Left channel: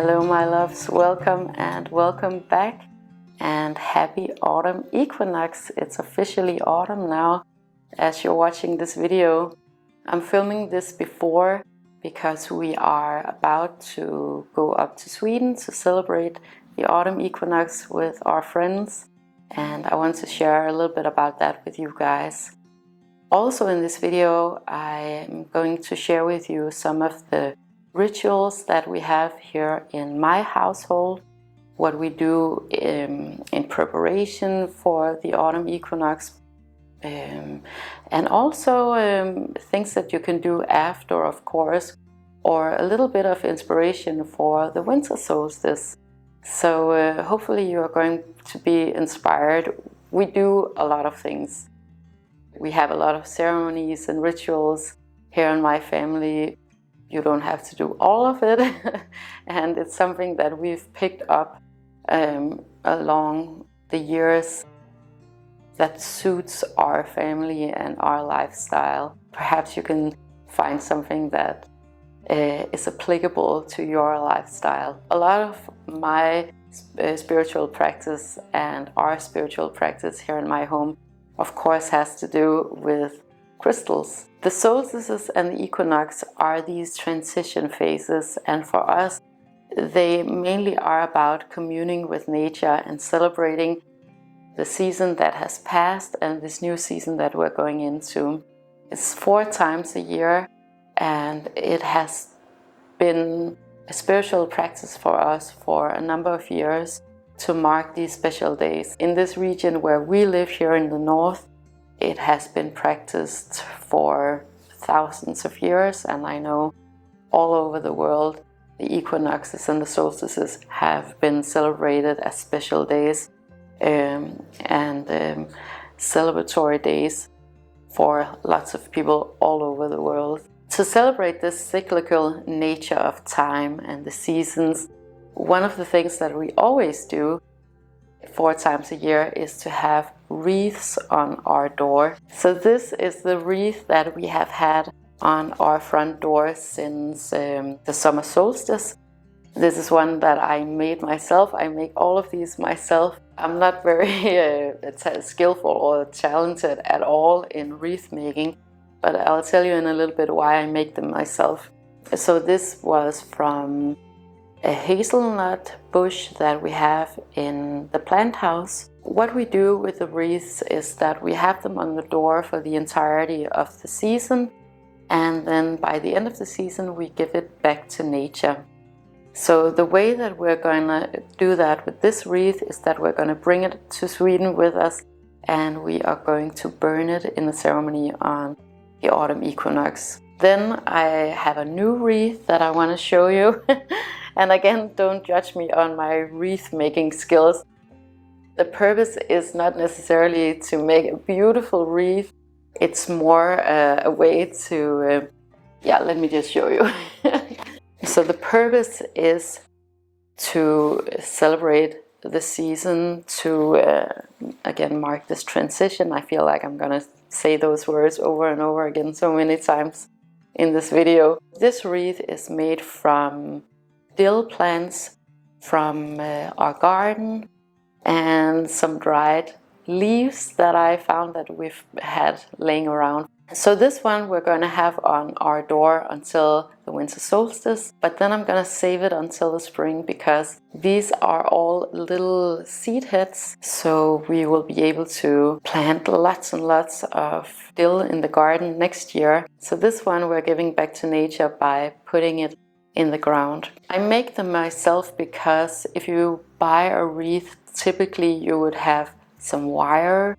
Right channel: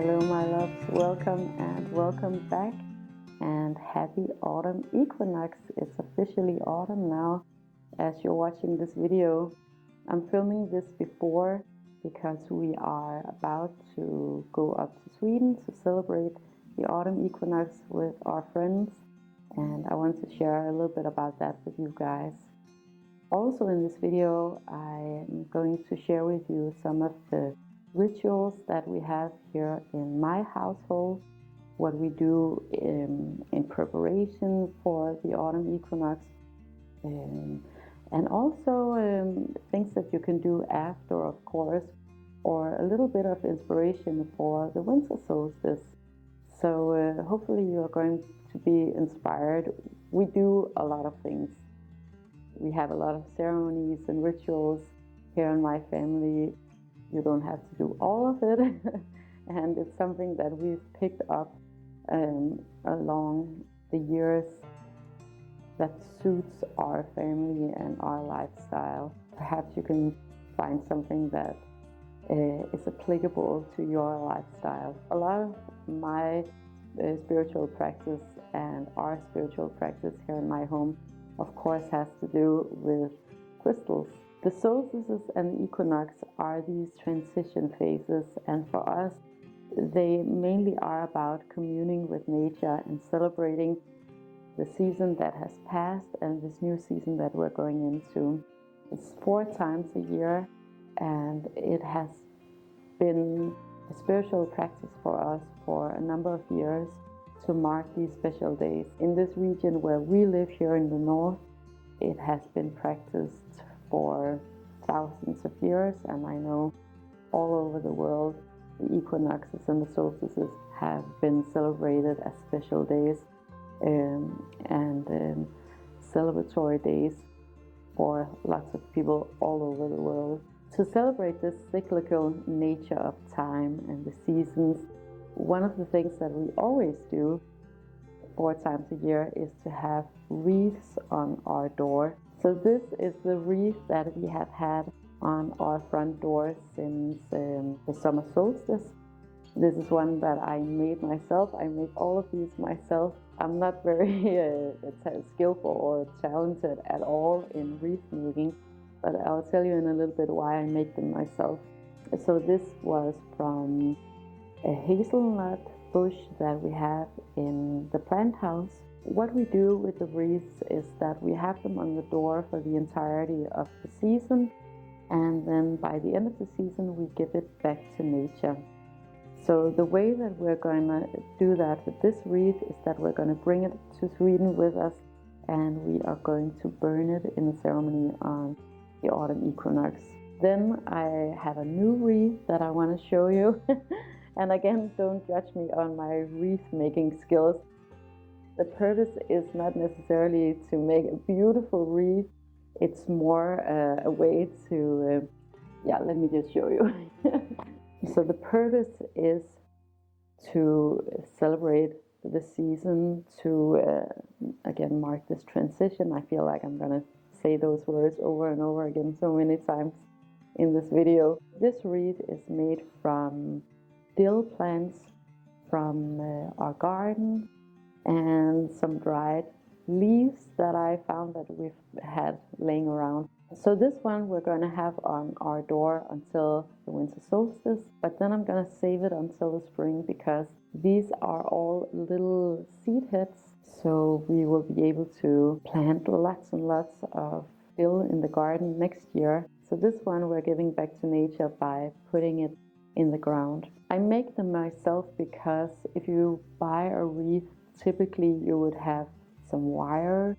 Hello my loves, welcome and welcome back, and happy autumn equinox. It's officially autumn now as you're watching this video. I'm filming this before because we are about to go up to Sweden to celebrate the autumn equinox with our friends, and I want to share a little bit about that with you guys. Also in this video I'm going to share with you some of the rituals that we have here in my household, what we do in preparation for the autumn equinox, and also things that you can do after, of course, or a little bit of inspiration for the winter solstice. So hopefully you are going to be inspired. We do a lot of things. We have a lot of ceremonies and rituals here in my family. You don't have to do all of it, and it's something that we've picked up along the years that suits our family and our lifestyle. Perhaps you can find something that is applicable to your lifestyle. A lot of my spiritual practice and our spiritual practice here in my home, of course, has to do with crystals. The solstices and the equinox are these transition phases, and for us they mainly are about communing with nature and celebrating the season that has passed and this new season that we're going into. It's 4 times a year, and it has been a spiritual practice for us for a number of years to mark these special days. In this region where we live here in the north, it has been practiced for thousands of years, and I know all over the world the equinoxes and the solstices have been celebrated as special days and celebratory days for lots of people all over the world. To celebrate this cyclical nature of time and the seasons, one of the things that we always do 4 times a year is to have wreaths on our door. So this is the wreath that we have had on our front door since the summer solstice. This is one that I made myself. I make all of these myself. I'm not very skillful or talented at all in wreath making, but I'll tell you in a little bit why I make them myself. So this was from a hazelnut bush that we have in the plant house. What we do with the wreaths is that we have them on the door for the entirety of the season, and then by the end of the season we give it back to nature. So the way that we're going to do that with this wreath is that we're going to bring it to Sweden with us, and we are going to burn it in the ceremony on the autumn equinox. Then I have a new wreath that I want to show you. And again, don't judge me on my wreath making skills. The purpose is not necessarily to make a beautiful wreath. It's more a way to, let me just show you. So the purpose is to celebrate the season, to again mark this transition. I feel like I'm gonna say those words over and over again so many times in this video. This wreath is made from dill plants from our garden and some dried leaves that I found that we've had laying around. So this one we're going to have on our door until the winter solstice, but then I'm going to save it until the spring because these are all little seed heads, so we will be able to plant lots and lots of dill in the garden next year. So this one we're giving back to nature by putting it in the ground. I make them myself because if you buy a wreath, typically you would have some wire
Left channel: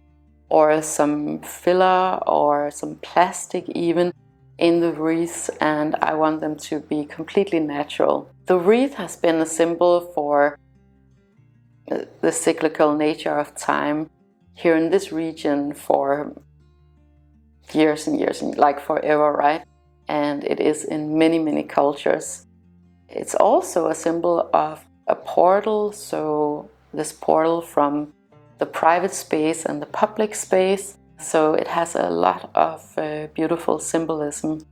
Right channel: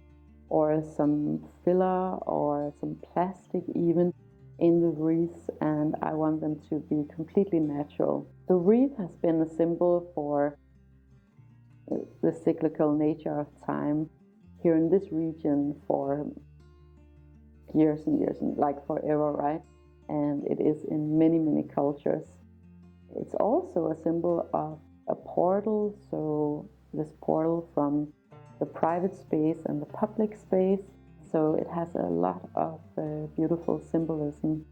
or some filler or some plastic even in the wreaths, and I want them to be completely natural. The wreath has been a symbol for the cyclical nature of time here in this region for years and years, and like forever, right? And it is in many, many cultures. It's also a symbol of a portal, so this portal from the private space and the public space. So it has a lot of beautiful symbolism.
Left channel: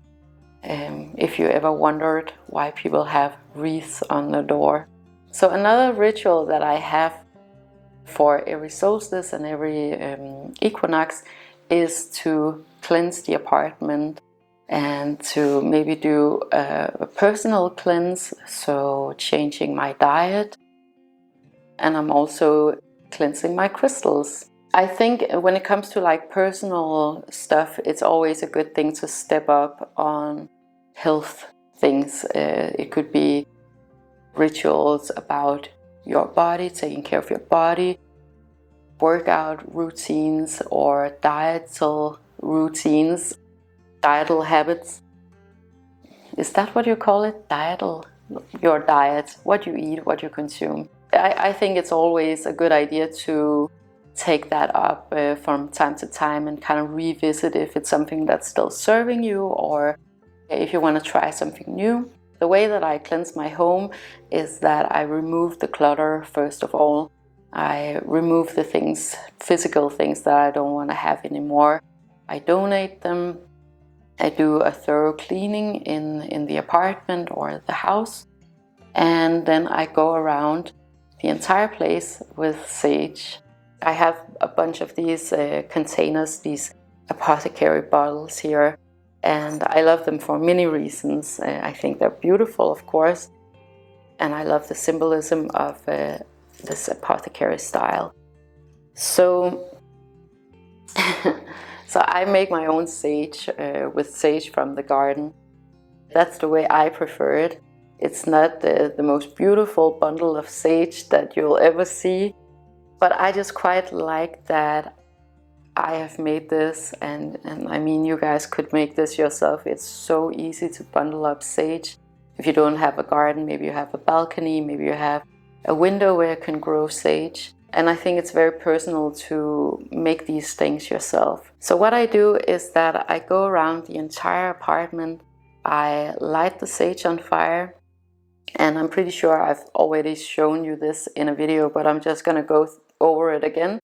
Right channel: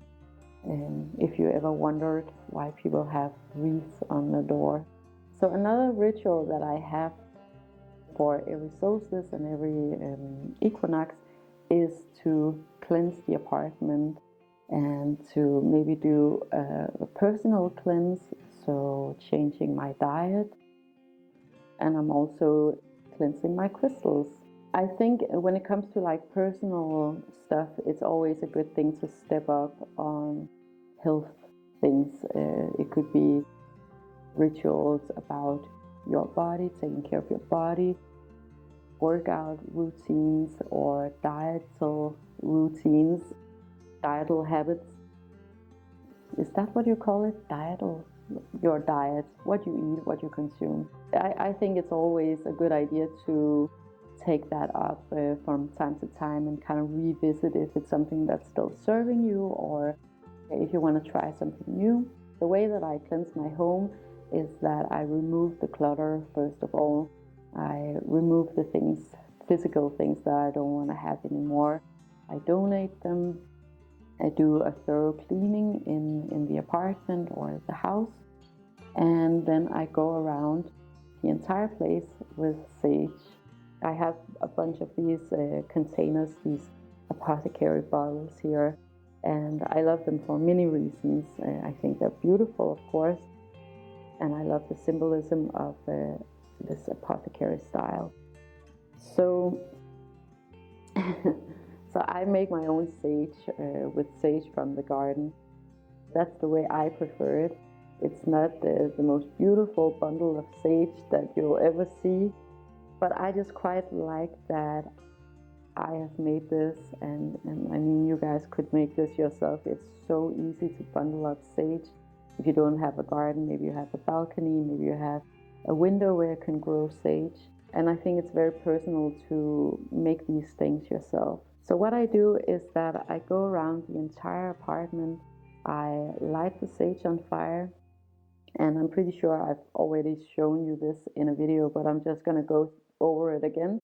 if you ever wondered why people have wreaths on the door. So another ritual that I have for every solstice and every equinox is to cleanse the apartment and to maybe do a personal cleanse, so changing my diet. And I'm also cleansing my crystals. I think when it comes to like personal stuff, it's always a good thing to step up on health things. It could be rituals about your body, taking care of your body, workout routines or dietal routines, dietal habits. Is that what you call it? Dietal? Your diet, what you eat, what you consume. I think it's always a good idea to take that up from time to time and kind of revisit if it's something that's still serving you or if you want to try something new. The way that I cleanse my home is that I remove the clutter first of all. I remove the things, physical things that I don't want to have anymore. I donate them. I do a thorough cleaning in the apartment or the house. And then I go around the entire place with sage. I have a bunch of these containers, these apothecary bottles here. And I love them for many reasons. I think they're beautiful, of course. And I love the symbolism of this apothecary style. So, so I make my own sage with sage from the garden. That's the way I prefer it. It's not the most beautiful bundle of sage that you'll ever see, but I just quite like that I have made this, and I mean, you guys could make this yourself. It's so easy to bundle up sage. If you don't have a garden, maybe you have a balcony, maybe you have a window where you can grow sage. And I think it's very personal to make these things yourself. So what I do is that I go around the entire apartment, I light the sage on fire, and I'm pretty sure I've already shown you this in a video, but I'm just gonna go over it again.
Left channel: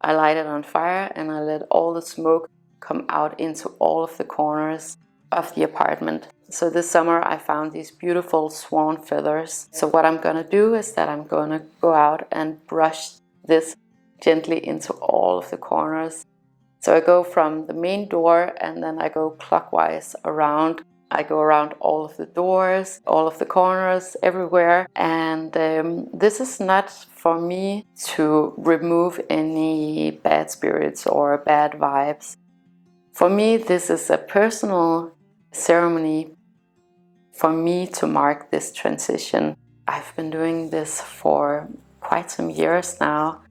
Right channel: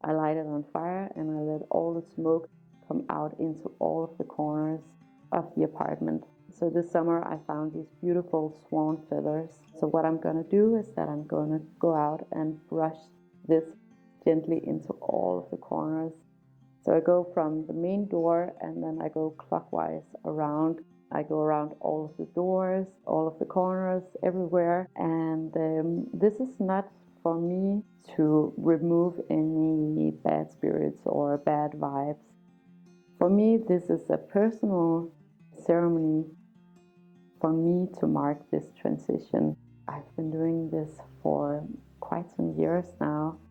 I light it on fire and I let all the smoke come out into all of the corners of the apartment. So this summer I found these beautiful swan feathers. So what I'm gonna do is that I'm gonna go out and brush this gently into all of the corners. So I go from the main door and then I go clockwise around. I go around all of the doors, all of the corners, everywhere. And this is not for me to remove any bad spirits or bad vibes. For me, this is a personal ceremony for me to mark this transition. I've been doing this for quite some years now,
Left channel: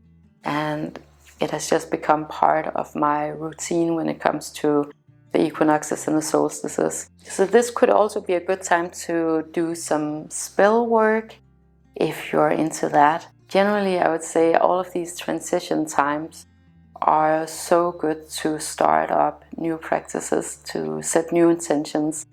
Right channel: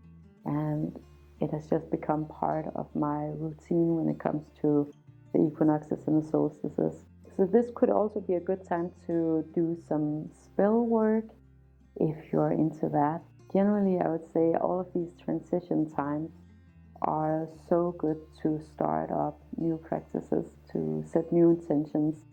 and it has just become part of my routine when it comes to the equinoxes and the solstices. So this could also be a good time to do some spell work if you're into that. Generally, I would say all of these transition times are so good to start up new practices, to set new intentions.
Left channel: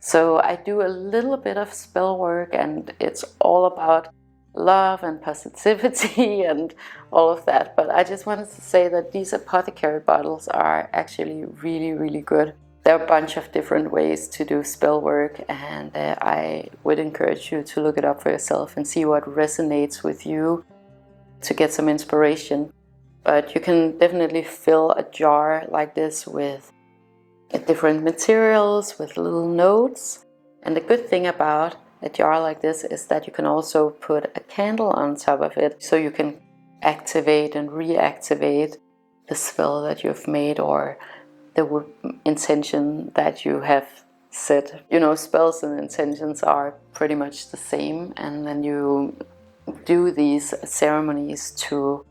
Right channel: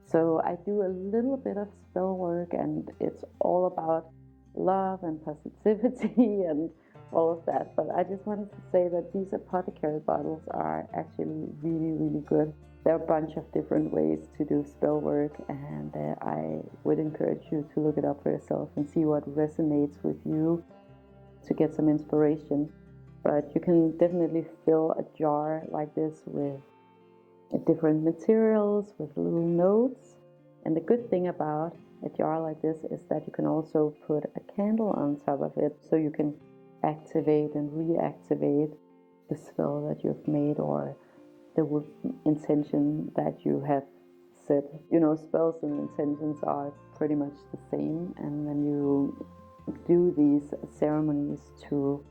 So I do a little bit of spell work, and it's all about love and positivity and all of that. But I just wanted to say that these apothecary bottles are actually really, really good. There are a bunch of different ways to do spell work, and I would encourage you to look it up for yourself and see what resonates with you to get some inspiration. But you can definitely fill a jar like this with different materials, with little notes. And the good thing about a jar like this is that you can also put a candle on top of it, so you can activate and reactivate the spell that you've made or the intention that you have set. You know, spells and intentions are pretty much the same, and then you do these ceremonies to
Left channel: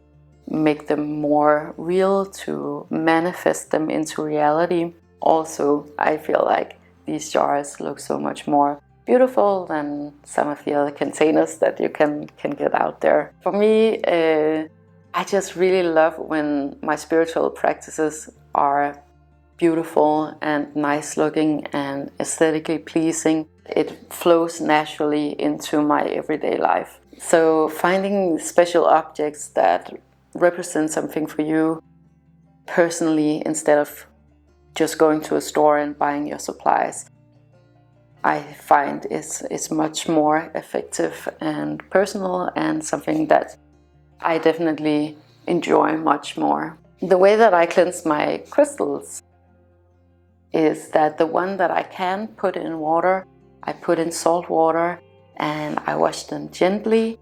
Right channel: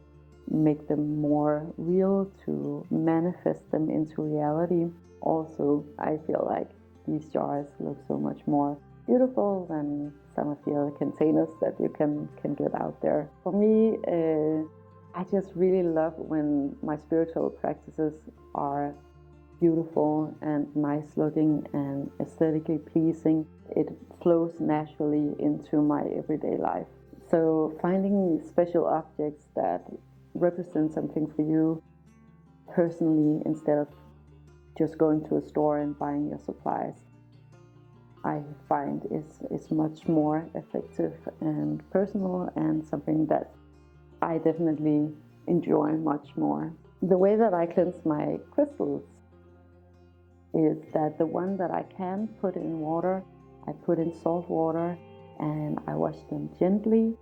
make them more real, to manifest them into reality. Also, I feel like these jars look so much more beautiful than some of the other containers that you can get out there. For me, I just really love when my spiritual practices are beautiful and nice looking and aesthetically pleasing. It flows naturally into my everyday life. So finding special objects that represent something for you personally, instead of just going to a store and buying your supplies, I find is much more effective and personal, and something that I definitely enjoy much more. The way that I cleanse my crystals is that the one that I can put in water, I put in salt water and I wash them gently.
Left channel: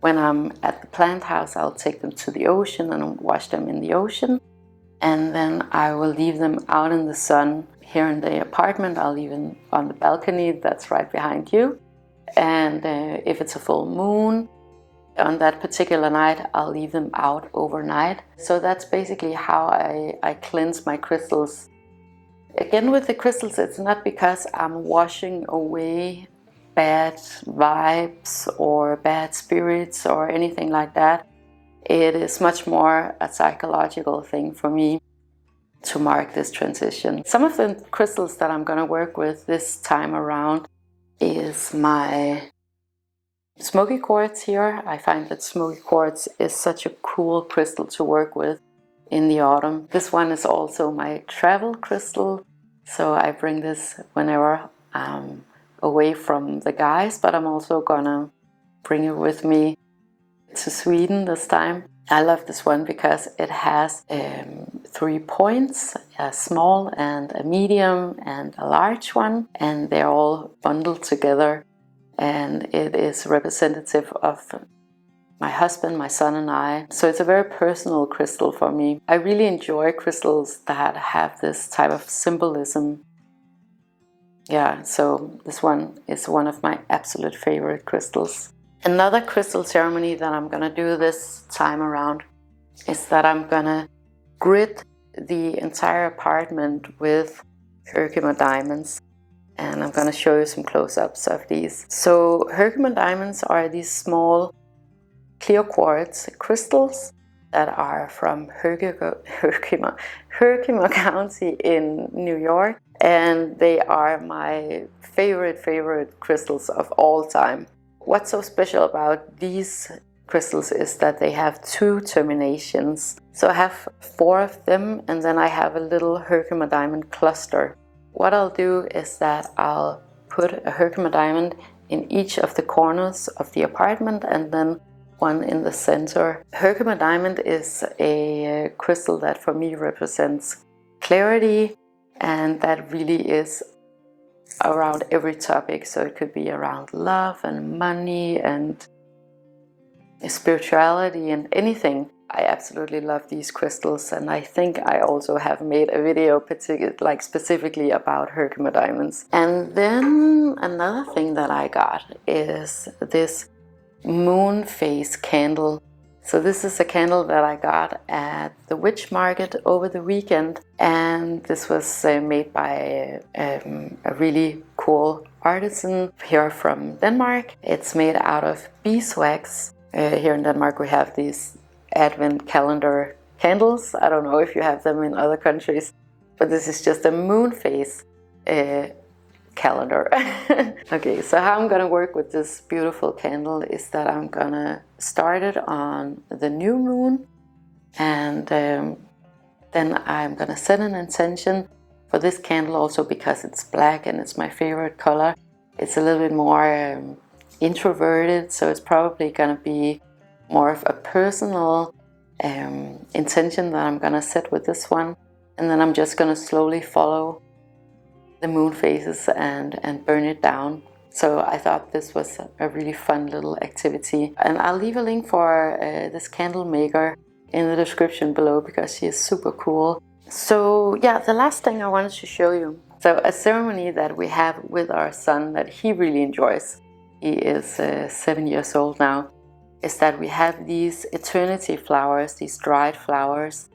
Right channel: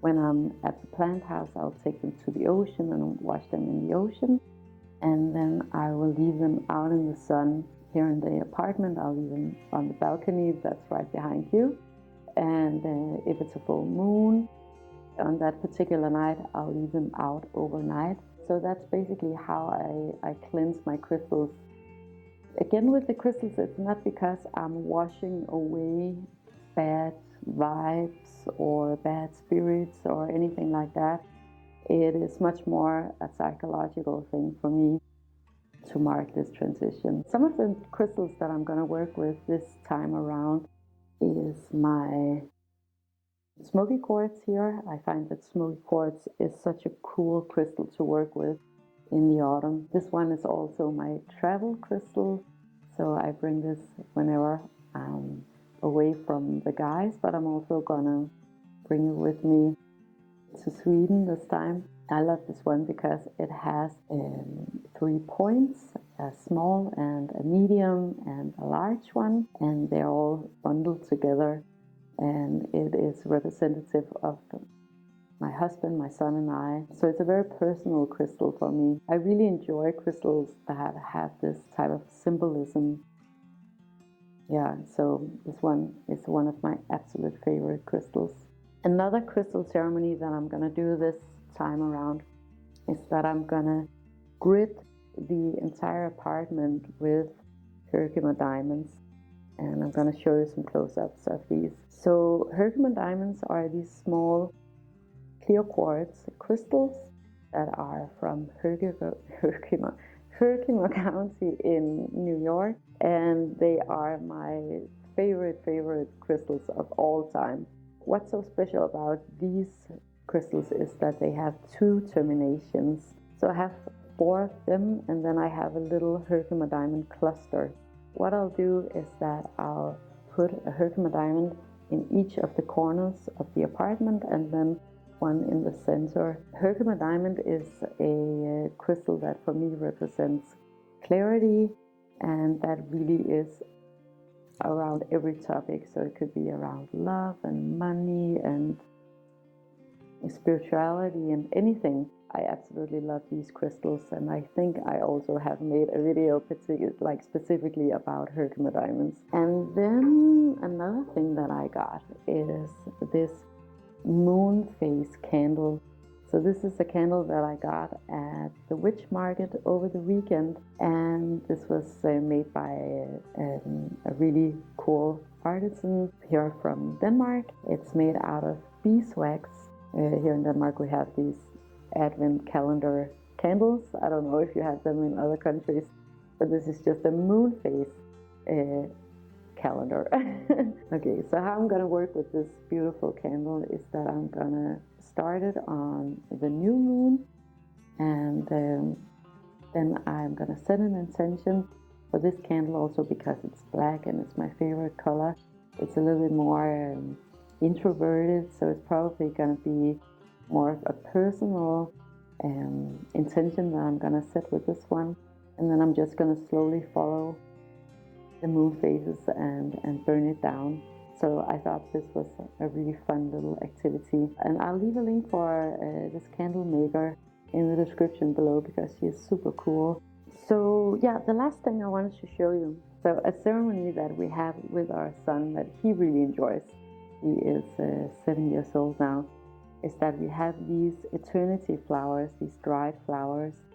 When I'm at the plant house, I'll take them to the ocean and wash them in the ocean. And then I will leave them out in the sun. Here in the apartment, I'll leave them on the balcony that's right behind you. And if it's a full moon, on that particular night, I'll leave them out overnight. So that's basically how I cleanse my crystals. Again, with the crystals, it's not because I'm washing away bad vibes or bad spirits or anything like that. It is much more a psychological thing for me to mark this transition. Some of the crystals that I'm going to work with this time around is my smoky quartz here. I find that smoky quartz is such a cool crystal to work with in the autumn. This one is also my travel crystal, so I bring this whenever I'm away from the guys, but I'm also gonna bring it with me to Sweden this time. I love this one because it has 3 points, a small and a medium and a large one, and they're all bundled together, and it is representative of my husband, my son and I. So it's a very personal crystal for me. I really enjoy crystals that have this type of symbolism. Yeah, so this one is one of my absolute favorite crystals. Another crystal ceremony that I'm gonna do this time around is that I'm gonna grid the entire apartment with Herkimer diamonds. And I'm gonna show you some close-ups of these. So Herkimer diamonds are these small clear quartz crystals that are from Herkimer County in New York. And they are my favorite crystals of all time. What's so special about these crystals is that they have 2 terminations. So I have 4 of them, and then I have a little Herkimer diamond cluster. What I'll do is that I'll put a Herkimer diamond in each of the corners of the apartment and then one in the center. Herkimer diamond is a crystal that for me represents clarity, and that really is around every topic. So it could be around love and money and spirituality and anything. I absolutely love these crystals, and I think I also have made a video specifically about Herkimer diamonds. And then another thing that I got is this moon phase candle. So this is a candle that I got at the witch market over the weekend, and this was made by a really cool artisan here from Denmark. It's made out of beeswax. Here in Denmark we have these advent calendar candles. I don't know if you have them in other countries, but this is just a moon phase calendar. Okay, so how I'm gonna work with this beautiful candle is that I'm gonna start it on the new moon, and then I'm gonna set an intention for this candle also because it's black and it's my favorite color. It's a little bit more introverted, so it's probably gonna be more of a personal intention that I'm gonna set with this one, and then I'm just gonna slowly follow the moon phases and burn it down. So I thought this was a really fun little activity, and I'll leave a link for this candle maker in the description below because she is super cool. So yeah, the last thing I wanted to show you, so a ceremony that we have with our son that he really enjoys, he is 7 years old now, is that we have these eternity flowers, these dried flowers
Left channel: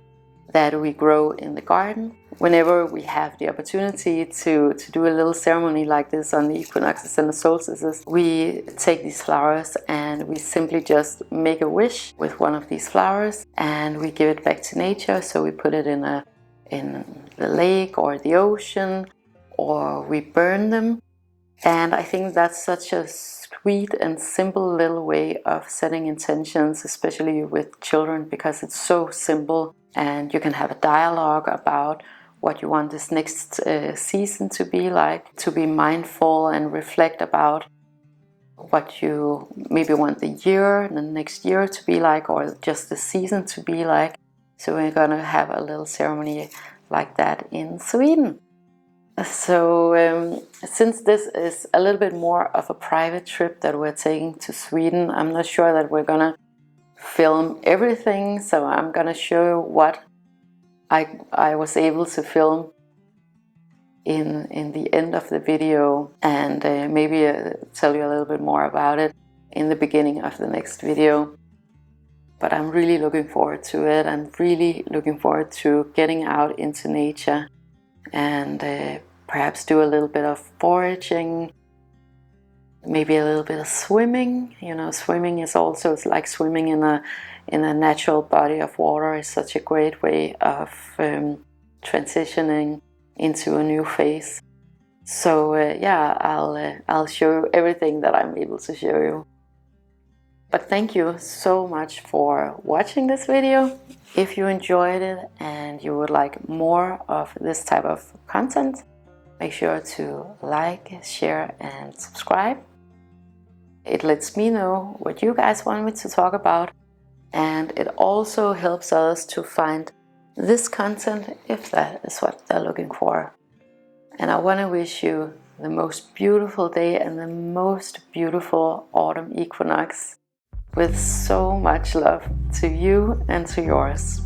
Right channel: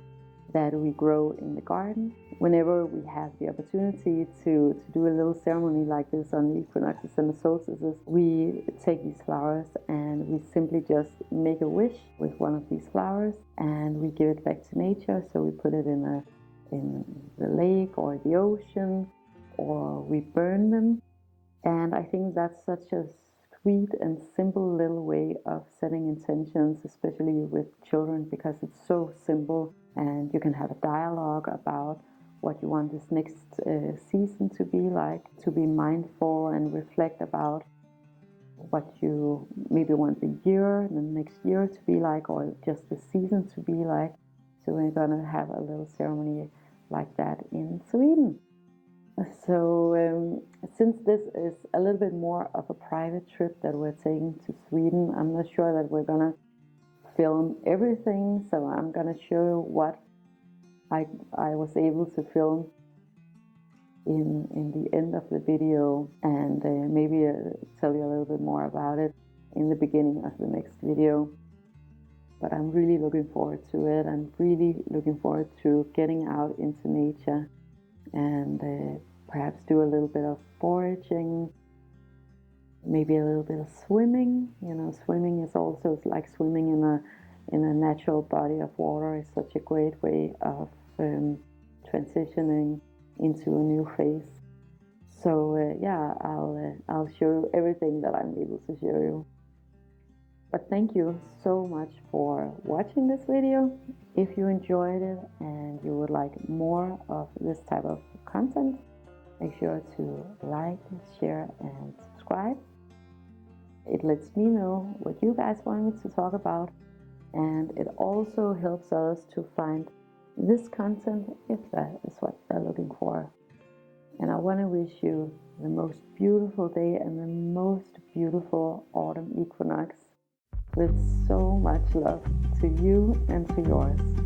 that we grow in the garden. Whenever we have the opportunity to do a little ceremony like this on the equinoxes and the solstices, we take these flowers and we simply just make a wish with one of these flowers and we give it back to nature. So we put it in the lake or the ocean, or we burn them. And I think that's such a sweet and simple little way of setting intentions, especially with children, because it's so simple and you can have a dialogue about what you want this next season to be like, to be mindful and reflect about what you maybe want the year, the next year to be like, or just the season to be like. So we're gonna have a little ceremony like that in Sweden. So since this is a little bit more of a private trip that we're taking to Sweden, I'm not sure that we're gonna film everything, so I'm gonna show you what I was able to film in the end of the video, and maybe tell you a little bit more about it in the beginning of the next video. But I'm really looking forward to it. I'm really looking forward to getting out into nature and perhaps do a little bit of foraging, maybe a little bit of swimming. You know, swimming is also, it's like swimming in a natural body of water is such a great way of transitioning into a new phase. So yeah, I'll show you everything that I'm able to show you. But thank you so much for watching this video. If you enjoyed it and you would like more of this type of content, make sure to like, share and subscribe. It lets me know what you guys want me to talk about, and it also helps us to find this content if that is what they're looking for. And I want to wish you the most beautiful day and the most beautiful autumn equinox, with so much love to you and to yours.